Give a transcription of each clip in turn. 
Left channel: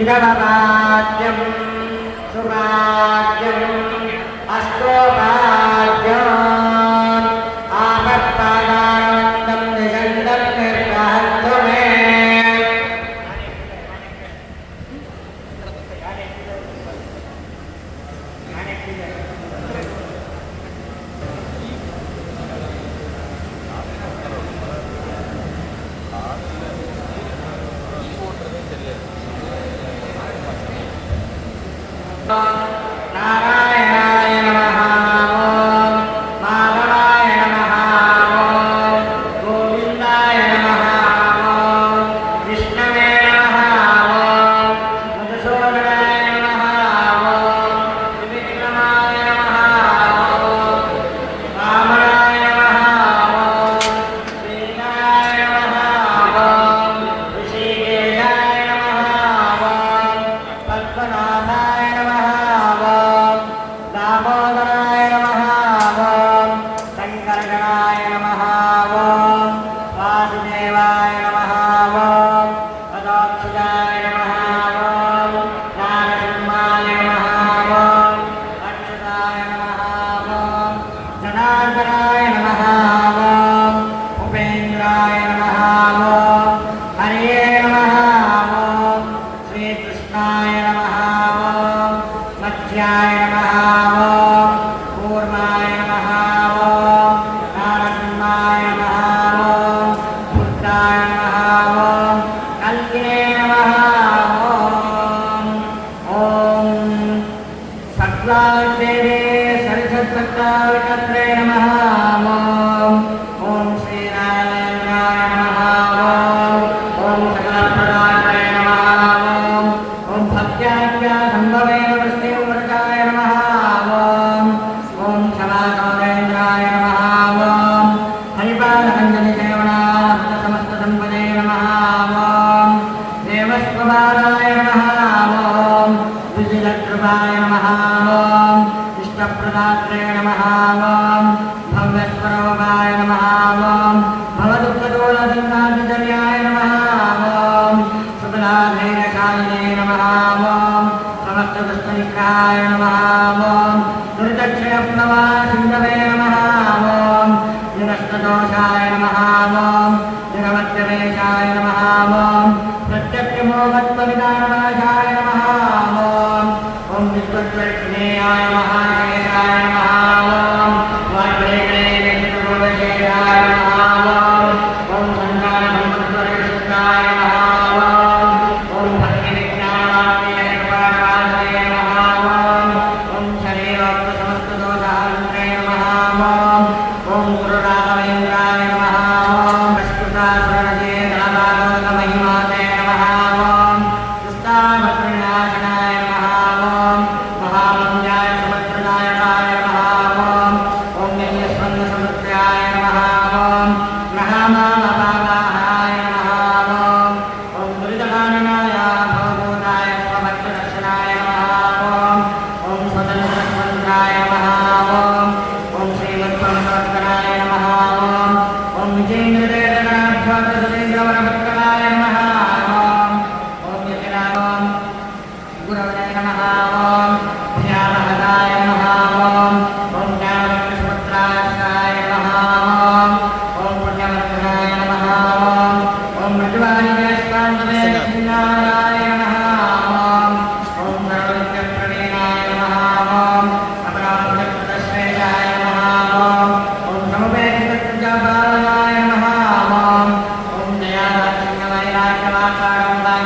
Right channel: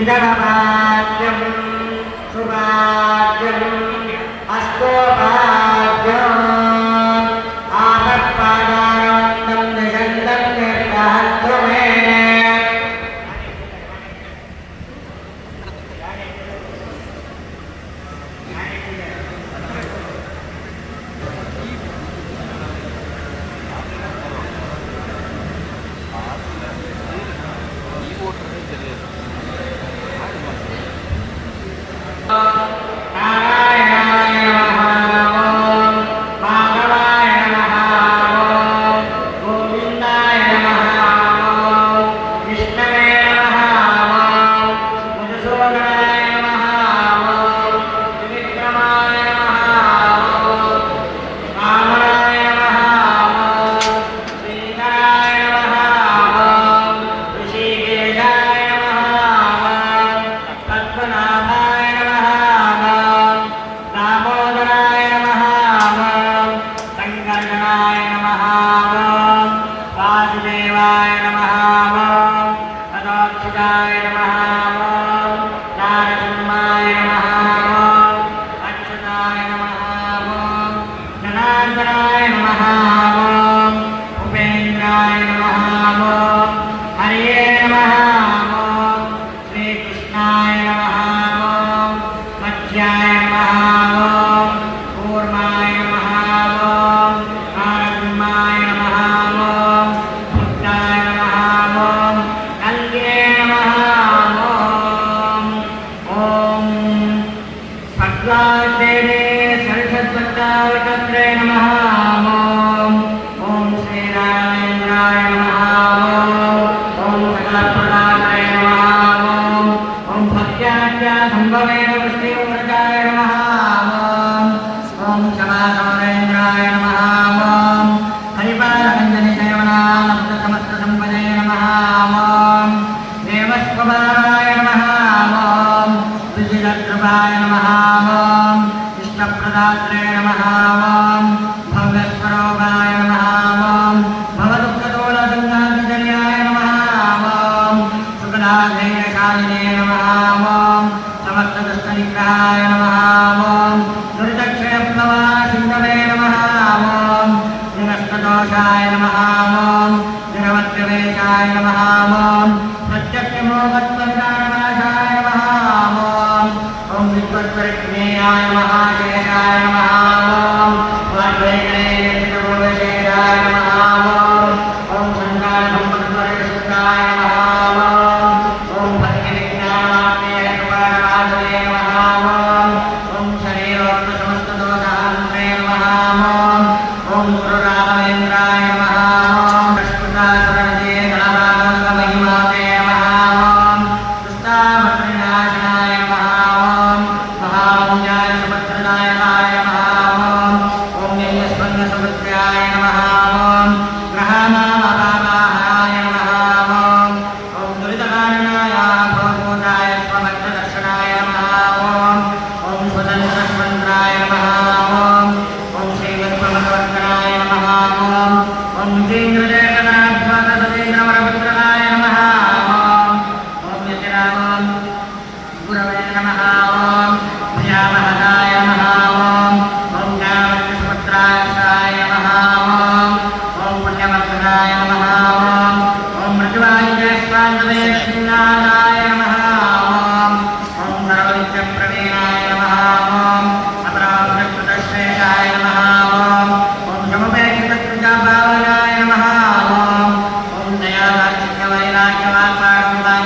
इदमभाग्यं सुभाग्यम् अस्तो भाग्यम् आपत्पादानवन्तं निषण्डं निर्गहन्तु मे नारायणाय नमः ओम माधवाय नमः ओम गोविन्दाय नमः ओम विष्णवे नमः ओम मधुसूदनाय नमः ओम त्रिविक्रमाय नमः ओम वामनाय नमः ओम श्रीधराय नमः ओम ऋषिकेशाय नमः ओम पद्मनाभाय दामोदराय नमः ओम शंकरगणाय नमः ओम वासुदेवाय नमः ओम तदोक्षजाय नमः ओम नारसिंहाय नमः ओम अक्षताय नमः ओम जनार्दनाय नमः ओम उपेन्द्राय नमः ओम हरे नमः ओम श्रीकृष्णाय नमः ओम मध्याय नमः ओम कूर्माय नमः ओम नारसिंहाय नमः ओम बुद्धाय नमः ओम कल्ये नमः ओम सद्वादेवे सरस्वत्यावितत्रे नमः ओम श्रीरामेन्द्राय नमः ओम सकलपदाय नमः ओम भक्त्याद्या संभवे वृष्टिवर्गाय नमः ओम शलाकालेन्द्राय नमः ओम हरिपालकञ्जनि सेवनामस्त समस्त संपदे नमः ओम देवस्वभावाय नमः ओम विजयकृपाय नमः ओम इष्टप्रदात्रे नमः ओम भव्यस्वरूपाय नमः ओम भवदुःखदोलसन्नादिजर्याय नमः ओम सुखदाधेयशालिने नमः ओम समस्तदुष्टनिग्रहाय नमः ओम दुर्दक्षिणप्लवा सिन्धवे नमः ओम निरस्तदोषाय नमः ओम निरवत्यवेशाय नमः ओम प्रत्यक्षमोहत्वविनाशनाय नमः ओम विद्वत्परिज्ञेयाय नमः शेषाय नमः ओम वाग्देवेन्द्रगुरुवेशाय नमः ओम संगाय नमः ओम भक्तिविज्ञानाय नमः ओम शरीरोत्तमस्तदोषान्ते नमः ओम गुरुराघवेन्द्राय नमः ओम विष्णुदासरणे नारायणमहिमाते नमः ओम दुष्टामत्रिनाशनाय नमः ओम महावन्द्याय सुभद्रनायकाय नमः ओम नैयस्वन्नसमृत्याय नमः ओम ग्रहाणामपावाहाय नमः ओम दुरितकाननाय भवभूताय स्वभक्तदर्शनाय नमः ओम स्वतन्त्रस्वतन्त्राय नमः ओम श्रीमत्प्रमदवर्तनाय नमः ओम जितेन्द्रदेवनाथसतीन्द्रवरपुत्रकाय नमः ओम यतिराम गुरवे नमः ओम भयावहदाय नमः ओम ज्ञानवक्षसुपुत्राय नमः ओम पुण्यवर्धनाय नमः ओम मृदुवायुजयस्वान्दवे श्रीनाराय नमः ओम सर्वविद्यप्रवीणाय नमः ओम अपराधकृतश्रेयाय नमः ओम समुपेक्षितकृजाभावनाय नमः ओम दयावाचिन्यवैराग्यवाक्पारम्भाय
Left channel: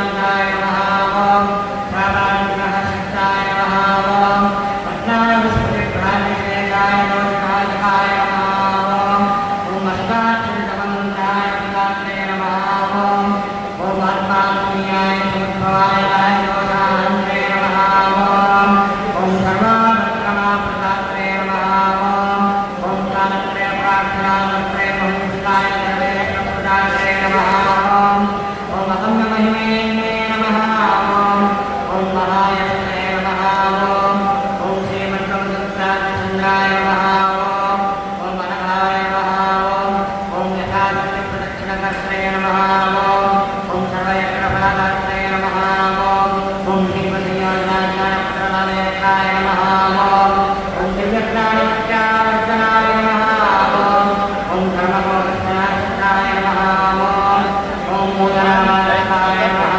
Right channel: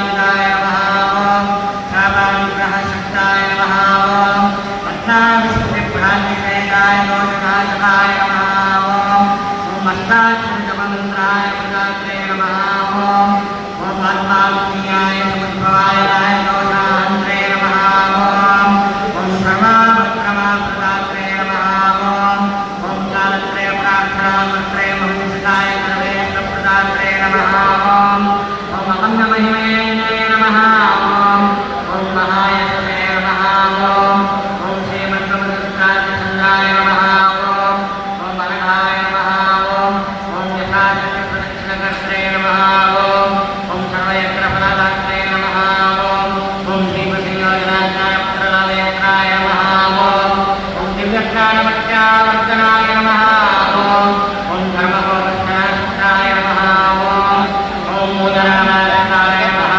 नमः ओम शापानुग्रहशक्ताय नमः ओम पद्माविष्णुविभ्रान्तिकेन्द्राय लोचनाशकाय नमः ओम अष्टाक्षरितमन्त्राय नमः ओम आत्मात्मीयाय समुद्भवाय लोचान्ते नमः ओम सर्वाभद्रमाप्रदात्रे नमः ओम कालत्रय प्रार्थनामन्त्रे महिषिताय सर्वेशप्रदात्रे नमः ओम अकम्यमहिमये नमः ओम महायसे नमः ओम श्रीमन्त्रमधुत्रादिसङ्गाय नमः ओम अनघाय नमः ओम यथाशक्तिप्रदक्षिणकर्त्रे नमः ओम सर्वयज्ञफलदात्रे नमः ओम श्रीमद्योगराजाय पुत्रलालेन्द्राय नमः ओम दिव्यज्ञानमत्यावर्तनाय नमः ओम धर्मगोविंदाय नमः ओम मोदरामाय नमः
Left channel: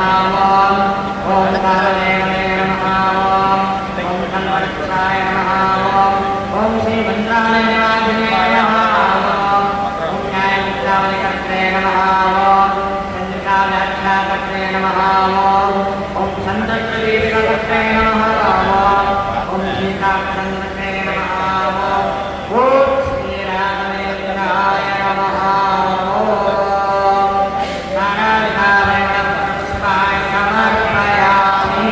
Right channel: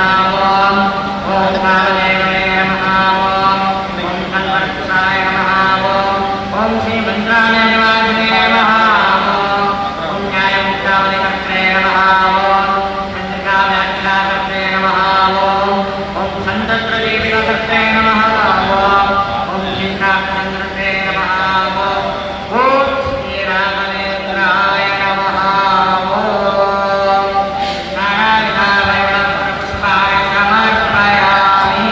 ओम कालदेवने नमः ओम कन्वर्तुराय नमः ओम श्रीमन्त्रालयवादिने नमः ओम न्यायमुक्तावलिकर्त्रे नमः चन्द्रिकाव्याख्याकर्त्रे नमः ओम सन्तत्प्रदीपकर्त्रे नमः ओम श्रीकाक्षन्द्रते नमः ओम श्रीराघवेन्द्राय नमः ओम नारायणाय समर्पयामि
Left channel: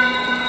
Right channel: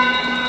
ॐ